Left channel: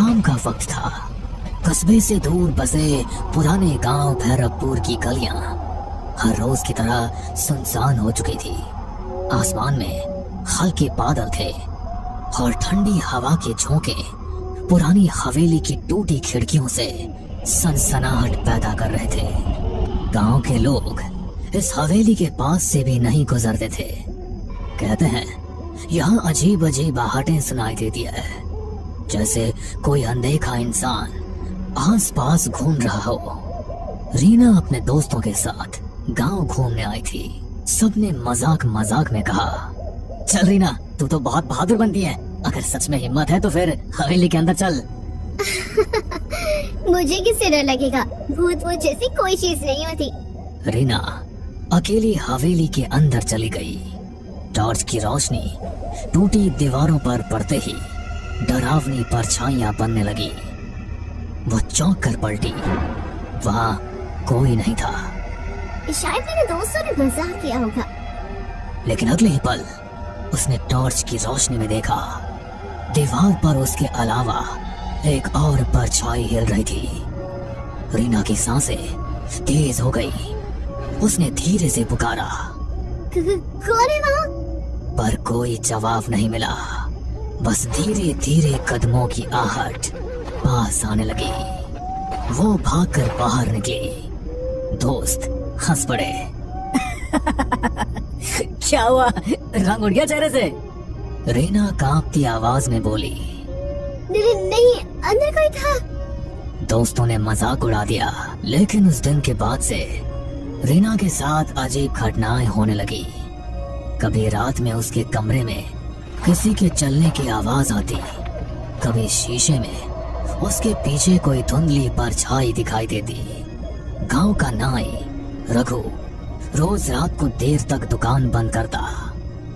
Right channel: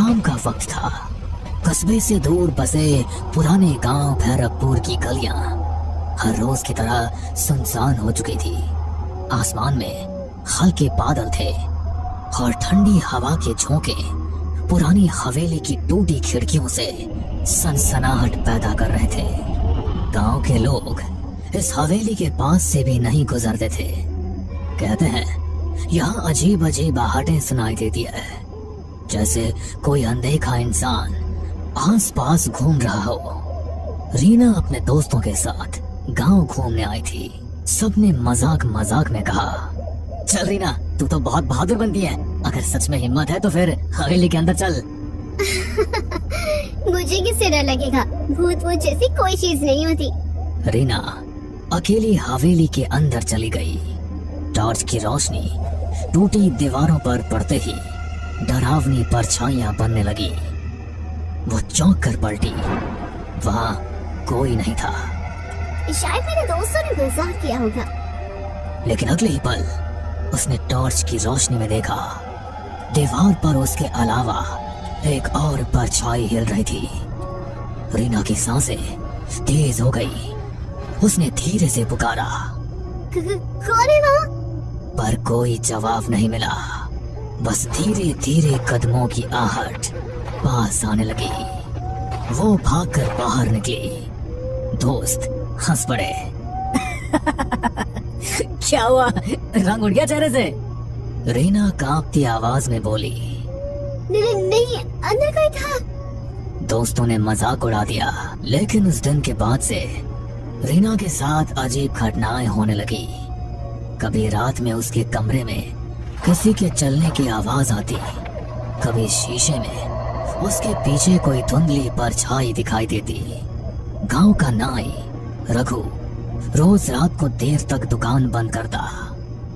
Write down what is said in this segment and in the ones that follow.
शाम का वक्त था। कस्बे से दूर बसे पुराने गांव भैरवपुर की गलियां हर रोज की तरह सुनसान हो चुकी थी। आसमान में हल्के बादल थे और ठंडी हवा के झोंके पुरानी हवेली की टूटी खिड़कियों से सनसनाहट पैदा कर रहे थे। गांव के लोग इस हवेली के पास से भी नहीं गुजरते थे। कहते हैं यहाँ अजीब अजीब आहटें सुनाई देती है, जैसे कोई अनदेखा इंसान आस पास घूम रहा हो। रीना अपने दोस्तों के साथ गांव घूमने आई थी। सबने मजाक मजाक में कहा, चल रीना, तू तो बहुत बहादुर बनती है। अगर सच में हिम्मत है तो फिर हवेली के अंदर चल। मुझे किससे डर लगेगा? भूत भूत जैसी कोई चीज नहीं होती। रीना अकेली हवेली के अंदर चली गई। टॉर्च की रोशनी टूटी दीवारों पर पड़ते ही डरावनी परछाइयां बनने लगी। वो चौंक कर पलटी। वहाँ कोई नहीं था। शायद मेरे दोस्तों ने मजाक किया होगा। लेकिन अगले ही पल उसने टॉर्च की रोशनी में देखा, दीवार पर उसके अलावा एक और परछाई हिल रही थी। रीना की सांसें तेज हो गई। उसने धीरे से पुकारा, कौन है वहाँ? पर कोई जवाब नहीं मिला। बस धीरे धीरे कदमों की आहट पास आने लगी। वो भागकर बाहर निकली। दोस्त हंस पड़े। क्या हुआ, रंग उड़ गया चेहरे से? रीना कांपती आवाज में बोली, नहीं, अंदर कोई था। दोस्तों ने मजाक उड़ा दिया। लेकिन उस दिन के बाद से रीना के साथ अजीब घटनाएं होने लगी। कभी रात में उसके कमरे में किसी के चलने की आवाज आती, कभी शीशे में उसके पीछे कोई धुंधली परछाई दिखाई देती। गांव का नाई रघु रोज रात को देर तक दुकान बंद करता।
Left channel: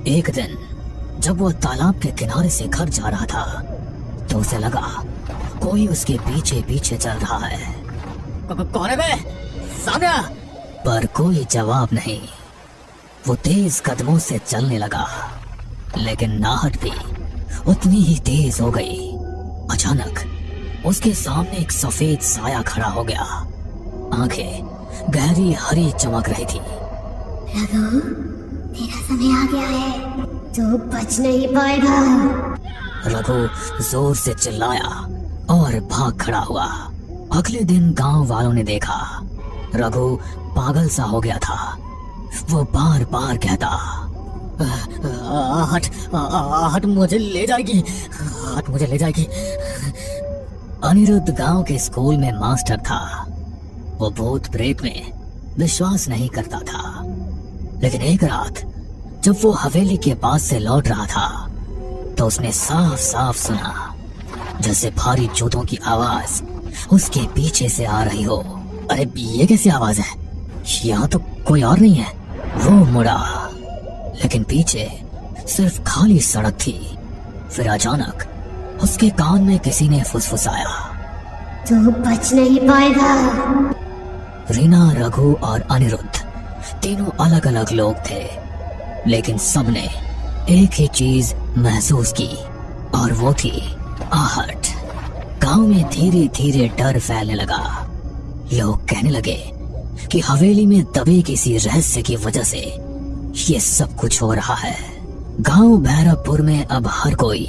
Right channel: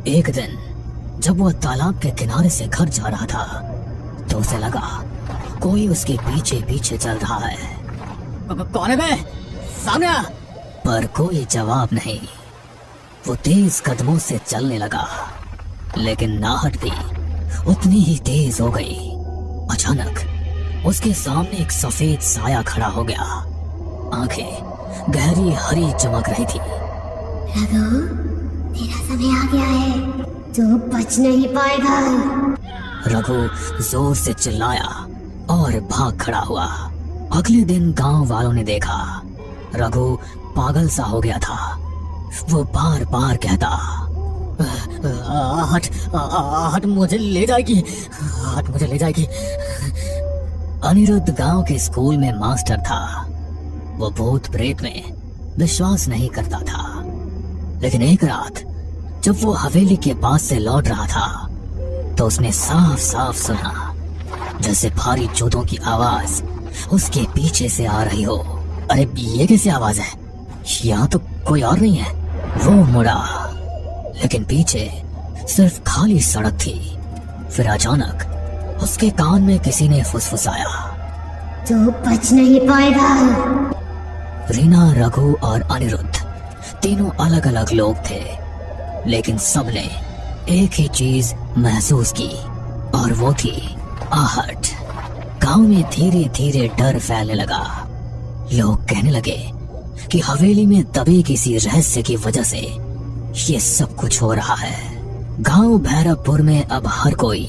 एक दिन जब वो तालाब के किनारे से घर जा रहा था तो उसे लगा कोई उसके पीछे पीछे चल रहा है। कौन है बे? सामने आ! पर कोई जवाब नहीं। वो तेज कदमों से चलने लगा, लेकिन नाहट भी उतनी ही तेज हो गई। अचानक उसके सामने एक सफेद साया खड़ा हो गया। आंखें गहरी हरी चमक रही थी। रघु, तेरा समय आ गया है, तो बच नहीं पाएगा। रघु जोर से चिल्लाया और भाग खड़ा हुआ। अगले दिन गांव वालों ने देखा रघु पागल सा हो गया था। वो बार बार कहता, आहट मुझे ले जाएगी, आहट मुझे ले जाएगी। अनिरुद्ध गांव के स्कूल में मास्टर था। वो भूत प्रेत में विश्वास नहीं करता था। लेकिन एक रात जब वो हवेली के पास से लौट रहा था तो उसने साफ साफ सुना जैसे भारी जूतों की आवाज उसके पीछे से आ रही हो। अरे ये कैसी आवाज है? यहाँ तो कोई और नहीं है। वो मुड़ा, लेकिन पीछे सिर्फ खाली सड़क थी। फिर अचानक उसके कान में किसी ने फुसफुसाया, तो बच नहीं पाएगा। रीना, रघु और अनिरुद्ध तीनों अलग अलग लोग थे, लेकिन सबने एक ही चीज महसूस की और वो थी आहट। गांव में धीरे धीरे डर फैलने लगा। लोग कहने लगे कि हवेली में दबे किसी रहस्य की वजह से ये सब कुछ हो रहा है। गांव भैरवपुर में अब हर कोई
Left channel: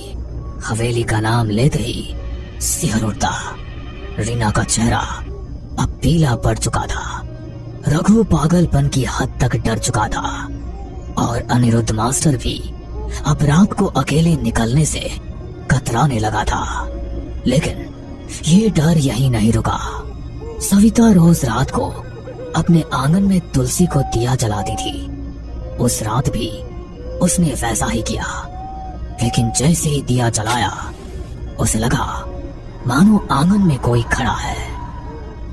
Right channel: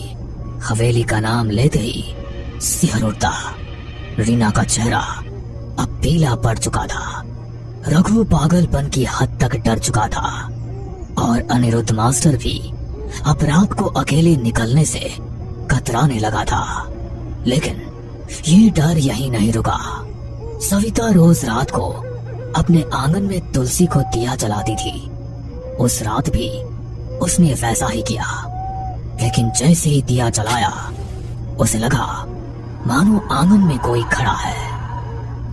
हवेली का नाम लेते ही सिहर उठता। रीना का चेहरा अब पीला पड़ चुका था। रघु पागलपन की हद तक डर चुका था और अनिरुद्ध मास्टर भी अब रात को अकेले निकलने से कतराने लगा था। लेकिन ये डर यहीं नहीं रुका। सविता रोज रात को अपने आंगन में तुलसी को दिया जलाती थी। उस रात भी उसने वैसा ही किया, लेकिन जैसे ही दिया जलाया उसे लगा मानो आंगन में कोई खड़ा है।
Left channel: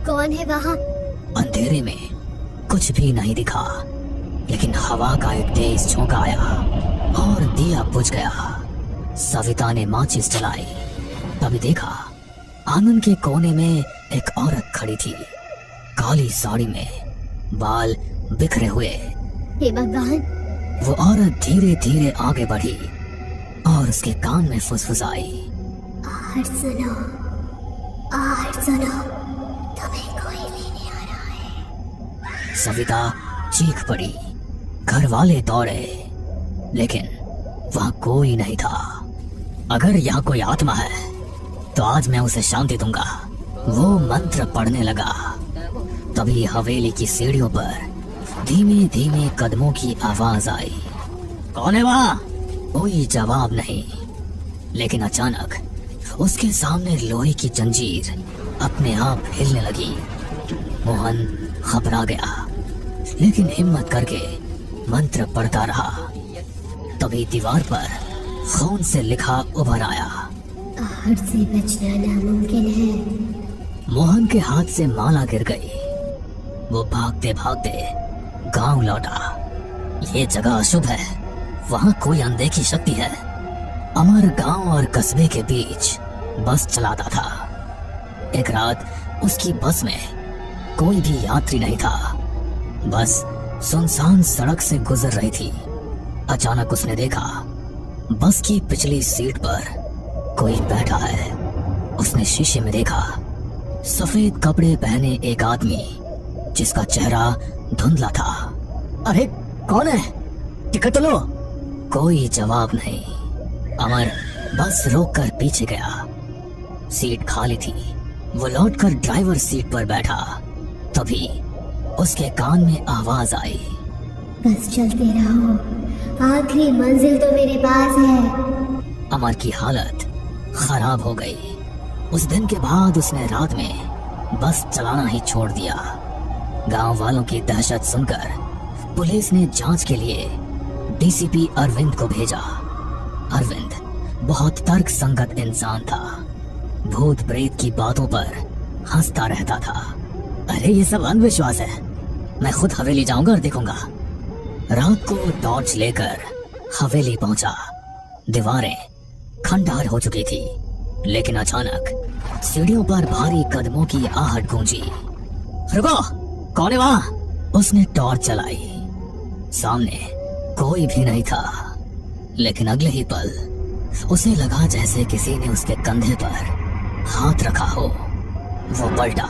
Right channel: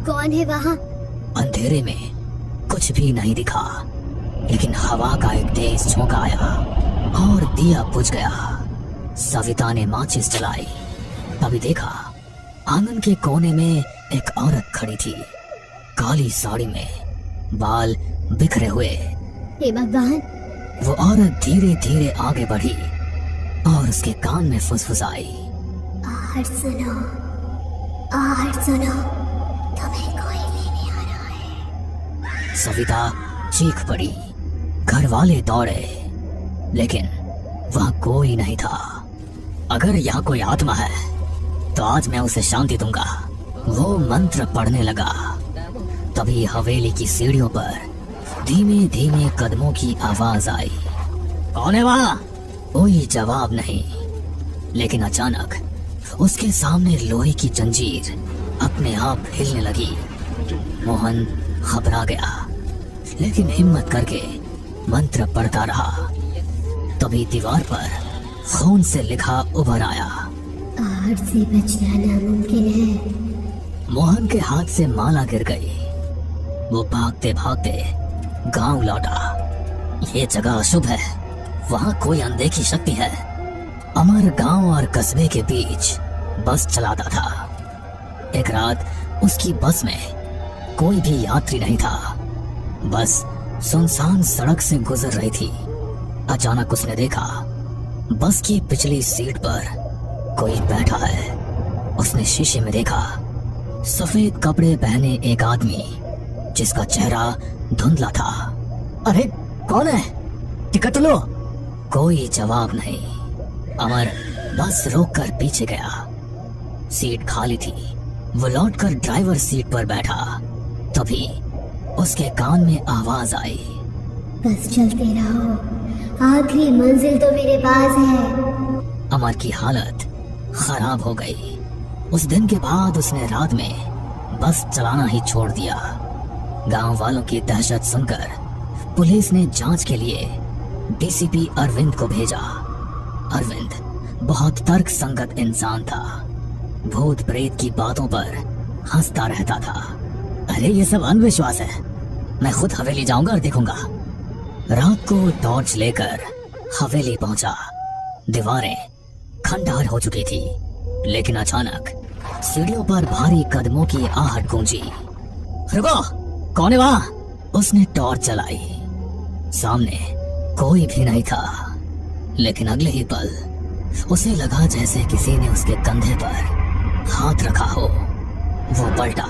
कौन है वहाँ? अंधेरे में कुछ भी नहीं दिखा, लेकिन हवा का एक तेज झोंका आया और दिया बुझ गया। सविता ने माचिस जलाई, तभी देखा आंगन के कोने में एक औरत खड़ी थी, काली साड़ी में, बाल बिखरे हुए। हे भगवान! वो औरत धीरे धीरे आगे बढ़ी और उसके कान में फुसफुसाई, आहट सुनो, आहट सुनो, तुम्हें कोई लेने आ रहा है। सविता चीख पड़ी। घर वाले दौड़े, लेकिन वहां कोई नहीं था। अगर यहाँ कोई आत्मा है तो आज मैं उसे शांति दूंगा। वो मंत्र पढ़ने लगा। तभी हवेली की सीढ़ियों पर धीमे धीमे कदमों की आवाज आई। कौन है वहाँ? कोई जवाब नहीं। लेकिन अचानक उसके सामने लोहे की जंजीर अपने आप हिलने लगी। मोहन घबरा गया, लेकिन हिम्मत करके मंत्र पढ़ता रहा। तभी दीवार पर खून से लिखा उभर आया। आहट से बचना नामुमकिन है। मोहन के हाथ से माला गिर गई। वो भागते भागते गांव लौटा। ये जगह अशुभ है, वहाँ कोई अनदेखी शक्ति है। अमर गांव और कस्बे के बीच बस चलाता था। एक रात उसकी बस में कोई भी यात्री नहीं था। बस सुनसान सड़क से गुजर रही थी। अचानक उसने देखा बस की पिछली सीट पर कोई बैठा है। उसने शीशे में देखा सफेद कपड़े पहने एक आदमी जिसका चेहरा धुंधला था। अरे कौन है? टिकट लो। कोई जवाब नहीं। अमर बस रोककर पीछे गया। सीट खाली थी। वो लौटकर ड्राइवर सीट पर बैठा। तभी उसके कान में आवाज आई। बस चलते रहो, आखिरी मंजिल तो मेरे पास है। अमर की हालत खराब हो गई। उस दिन के बाद उसने रात में बस चलाना ही छोड़ दिया। गांव वालों की दहशत सुनकर पुलिस ने जांच के लिए डीसीपी अरविंद को भेजा। अरविंद बहुत तर्क संगत इंसान था। भूत प्रेत की बातों पर हंसता रहता था। अरे ये सब अंधविश्वास है, मैं खुद हवेली जाऊंगा और देखूंगा। रात को टॉर्च लेकर हवेली पहुंचा। दीवारें खंडहर हो चुकी थी, लेकिन अचानक सीढ़ियों पर भारी कदमों की आहट गूंजी। रुको, कौन है वहाँ? उसने टॉर्च चलाई। सामने कोई भी नहीं था, लेकिन अगले ही पल उसे लगा जैसे किसी ने उसके कंधे पर हाथ रखा हो। वो पलटा,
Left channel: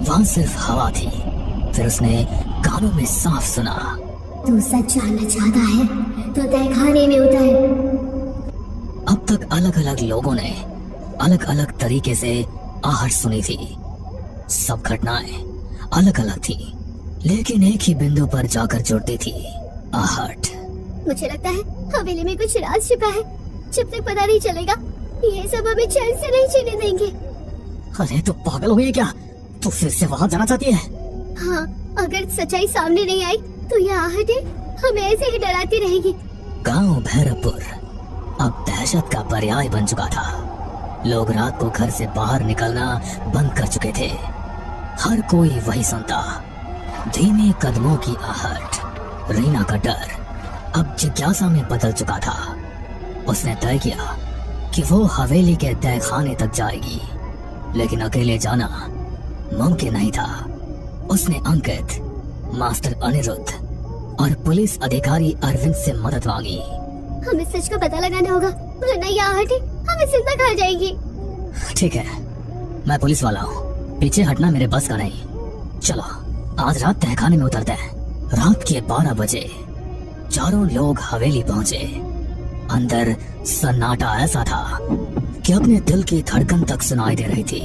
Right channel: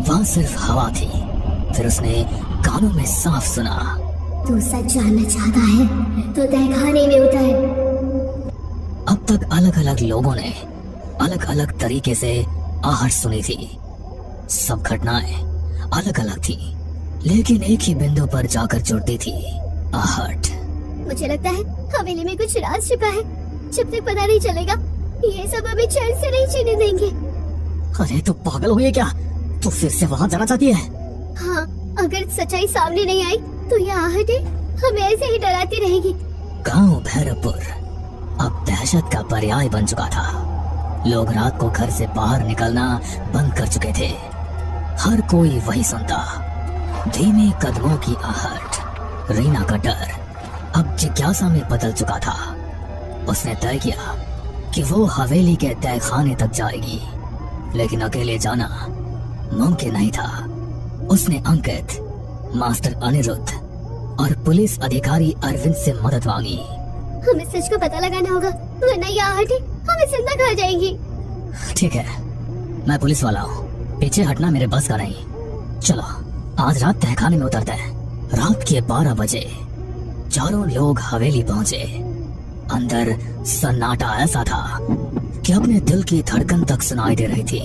वहां सिर्फ हवा थी। फिर उसने कानों में साफ सुना, तू सच जानना चाहता है तो तहखाने में उतर। अब तक अलग अलग लोगों ने अलग अलग तरीके से आहट सुनी थी। सब घटनाएं अलग अलग थी, लेकिन एक ही बिंदु पर जाकर जुड़ती थी, आहट। मुझे लगता है हवेली में कुछ राज छिपा है। जब तक पता नहीं चलेगा ये सब हमें चैन से नहीं जीने देंगे। अरे तो पागल हुई है क्या? तो फिर से वहाँ जाना चाहती है? हाँ, अगर सच्चाई सामने नहीं आई तो ये आहटें हमें ऐसे ही डराती रहेगी। गांव भैरवपुर अब दहशत का पर्याय बन चुका था। लोग रात को घर से बाहर निकलना बंद कर चुके थे। हर कोई वही सुनता, धीमे कदमों की आहट। रीना का डर अब जिज्ञासा में बदल चुका था। उसने तय किया कि वो हवेली के तहखाने तक जाएगी, लेकिन अकेले जाना मुमकिन नहीं था। उसने अंकित, मास्टर अनिरुद्ध और पुलिस अधिकारी अरविंद से मदद मांगी। हमें सच का पता लगाना होगा, वरना ये आहटें हमें जिंदा खा जाएंगी। ठीक है, मैं पुलिस वाला हूँ, पीछे हटना मेरे बस का नहीं। चलो आज रात तहखाने में उतरते हैं। रात के 12 बजे चारों लोग हवेली पहुंचे। अंदर सन्नाटा ऐसा था कि अपने दिल की धड़कन तक सुनाई दे रही थी।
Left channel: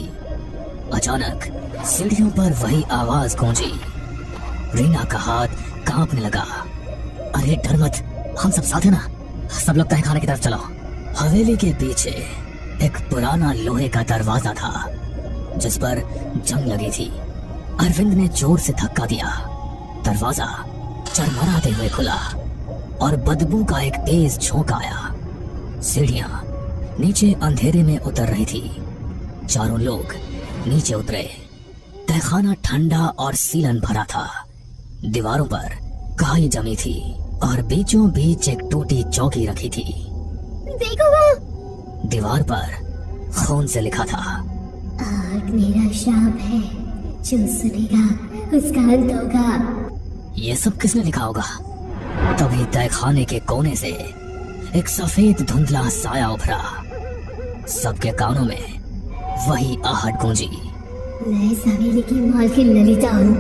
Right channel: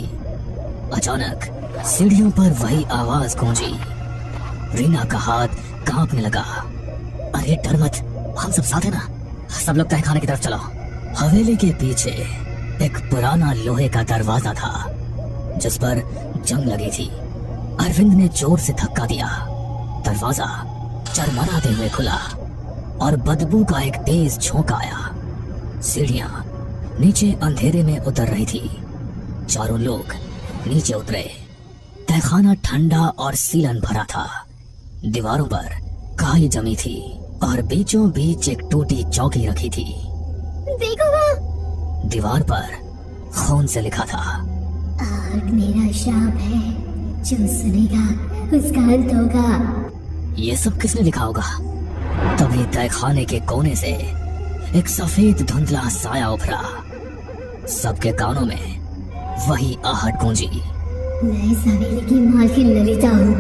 अचानक सीढ़ियों पर वही आवाज गूंजी। रीना का हाथ कांपने लगा। अरे डर मत, हम सब साथ हैं ना। सब लोग तहखाने की तरफ चलो। हवेली के पीछे एक पुराना लोहे का दरवाजा था जिस पर जंग लगी थी। अरविंद ने जोर से धक्का दिया। दरवाजा चरमराते हुए खुला और बदबू का एक तेज झोंका आया। सीढ़ियां नीचे अंधेरे में उतर रही थी। चारों लोग नीचे उतरे। तहखाना ठंडा और सीलन भरा था। दीवारों पर काई जमी थी और बीचों बीच एक टूटी चौकी रखी थी। देखो वहाँ। दीवार पर खून से लिखा था, आहट मेरा शाप है, जो सुनेगा उसका अंत होगा। ये सब किसने लिखा होगा? तभी तहखाने के कोने से एक सफेद धुंधला साया उभरा। सबके कानों में वही आहट गूंजी। मैं इस हवेली की मालकिन ललिता हूँ।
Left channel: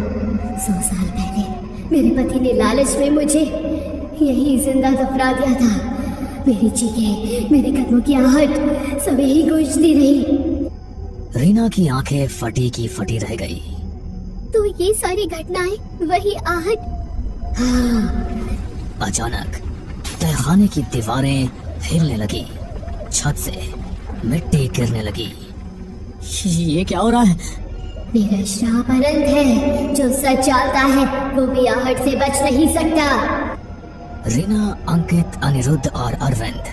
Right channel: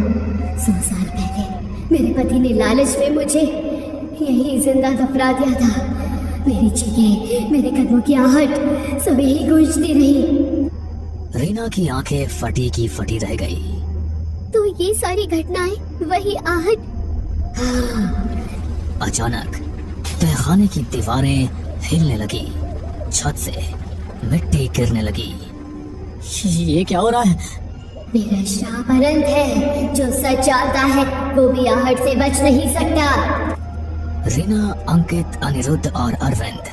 100 साल पहले मेरे पति ने लालच में मुझे यही जिंदा दफना दिया था। मेरी चीखें, मेरे कदमों की आहट सब यही गूंजती रही। रीना की आंखें फटी की फटी रह गई। तो ये सारी घटनाएं वही आहट? हाँ। अचानक तहखाने की दीवारें हिलने लगी, छत से मिट्टी गिरने लगी। ये क्या हो रहा है? मेरा श्राप अनंत है। जो सच जानता है वो भी आहट से बच नहीं सकता। रीना, अंकित, अनिरुद्ध और अरविंद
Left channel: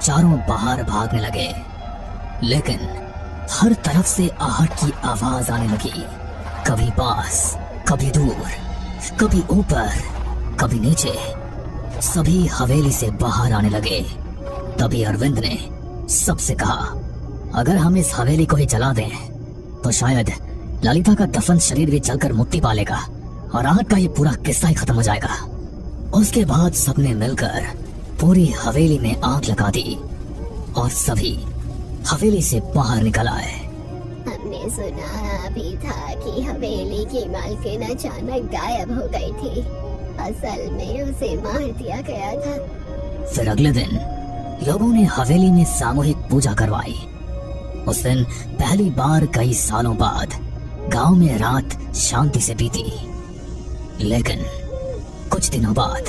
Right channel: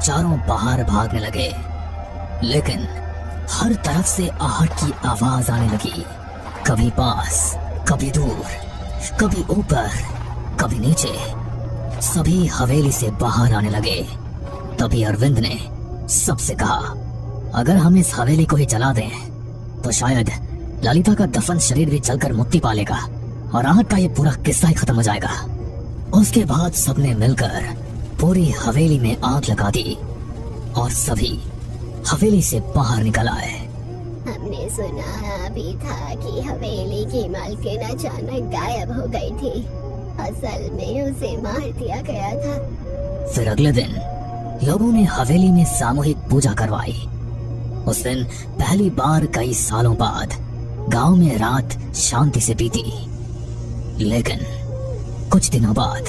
चारों बाहर भागने लगे, लेकिन हर तरफ से आहट की आवाज आने लगी। कभी पास, कभी दूर, कभी ऊपर, कभी नीचे। सभी हवेली से बाहर आने लगे। तभी अरविंद ने सबसे कहा, अगर हम इस हवेली को ही जला दें तो शायद ललिता का दफन शरीर भी जलकर मुक्ति पा लेगा और आहट का ये पूरा किस्सा ही खत्म हो जाएगा। उसके बाद सबने मिलकर पूरी हवेली में आग लगा दी और सभी हवेली से बाहर निकल आए। हमने सुना भी था कि हवेली की मालकिन अचानक गायब हो गई थी। असल में उसे मार दिया गया था। फिर अगले दिन लोगों ने हवेली में सामूहिक पूजा करवाई। उस दिन पहली बार कई सालों बाद गांव में रात शांति से बीती। लेकिन कुछ दिनों बाद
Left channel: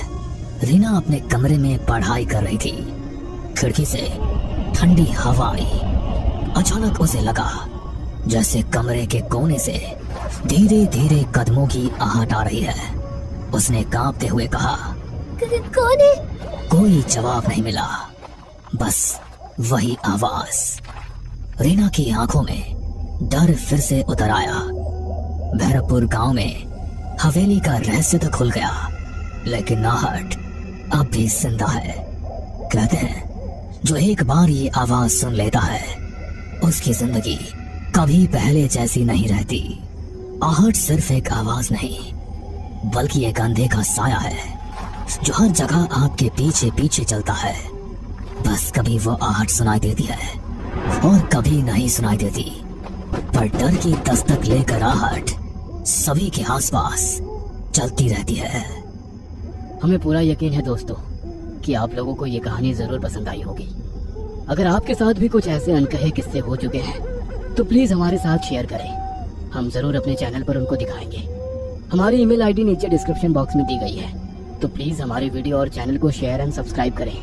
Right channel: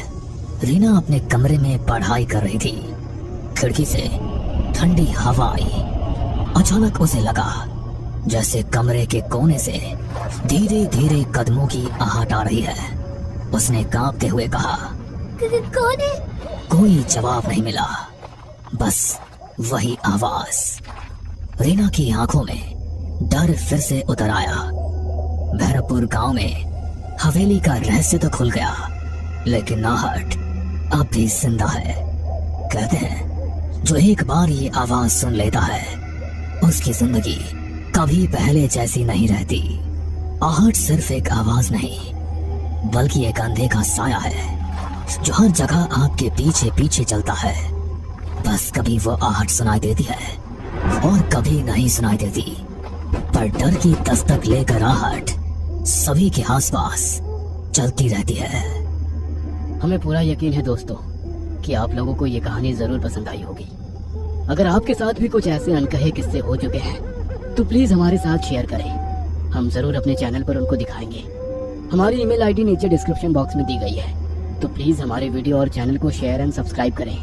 रीना अपने कमरे में पढ़ाई कर रही थी। खिड़की से ठंडी हवा आई। अचानक उसे लगा जैसे कमरे के कोने से धीरे धीरे कदमों की आहट आ रही है। उसने कांपते हुए कहा, कौन है? कोई जवाब नहीं मिला, बस वही आवाज। रीना की आंखों में डर फिर से उतर आया। भैरवपुर गांव में हवेली का रहस्य तो खुल गया, लेकिन आहट अब भी जिंदा है। कहते हैं जो एक बार ये आवाज सुन लेता है उसकी जिंदगी कभी पहले जैसी नहीं रहती। आहट सिर्फ एक आवाज नहीं, बल्कि एक अंधे का साया है जो हर जगह आपके पीछे पीछे चलता है। बस कभी वो आहट सुनाई देती है और कभी नहीं सुनाई देती, पर डर की दस्तक लेकर आहट सभी के आसपास चलती रहती है। हमें पूरा यकीन है दोस्तों कि आप लोगों को ये कहानी जरूर पसंद आई होगी। अगर आपके साथ भी कुछ ऐसे अनकहे किस्से हो चुके हैं तो प्लीज हमारे साथ शेयर करें। हम जरूर अपने चैनल पर उनको दिखाएंगे। हमारी ईमेल आईडी नीचे डिस्क्रिप्शन बॉक्स में दी गई है, तो प्लीज हमारे वीडियो और चैनल को शेयर एंड सब्सक्राइब करें।